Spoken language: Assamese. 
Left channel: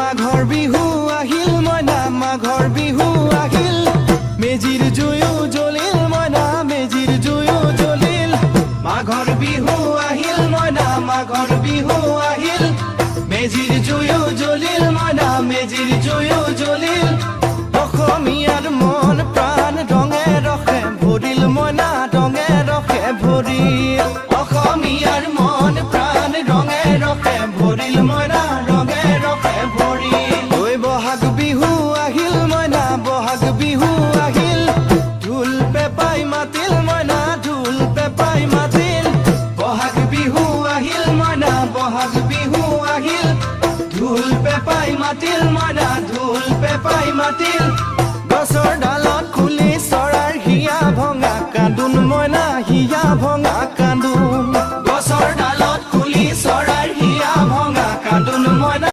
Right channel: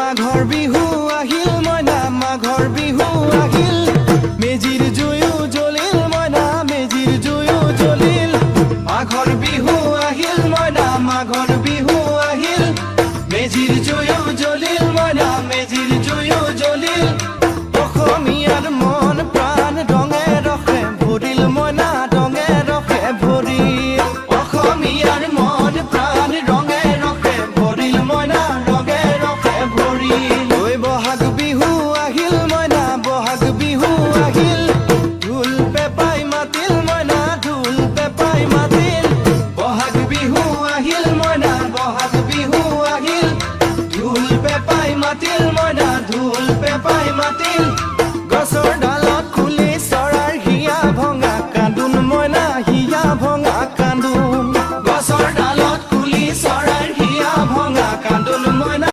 মাঘৰ বিহু আহিল মইনা মাঘৰ বিহু আহিল মেজিৰ জুয়ো জ্বলিল মইনা মেজিৰ জুয়ো জ্বলিল মাঘৰ বিহু আহিল মইনা মাঘৰ বিহু আহিল মেজিৰ জুয়ো জ্বলিল মইনা মেজিৰ জুয়ো জ্বলিল অসমীয়াৰ মন প্ৰাণ ৰঙে ৰখে ভৰিল মইনা ৰঙে ৰখে ভৰিল অসমীয়াৰ মন প্ৰাণ ৰঙে ৰখে ভৰিল মইনা ৰঙে ৰখে ভৰিল ঐ বহাগ বিহু আহিল মইনা বহাগ বিহু আহিল ঢোল পেপাই মাতিল মইনা ঢোল পেপাই মাতিল বহাগ বিহু আহিল মইনা বহাগ বিহু আহিল ঢোল পেপাই মাতিল মইনা ঢোল পেপাই মাতিল গছৰ ডালত খুলি চৰাৰ হিয়া ভঙা কান্দোন মইনা হিয়া ভঙা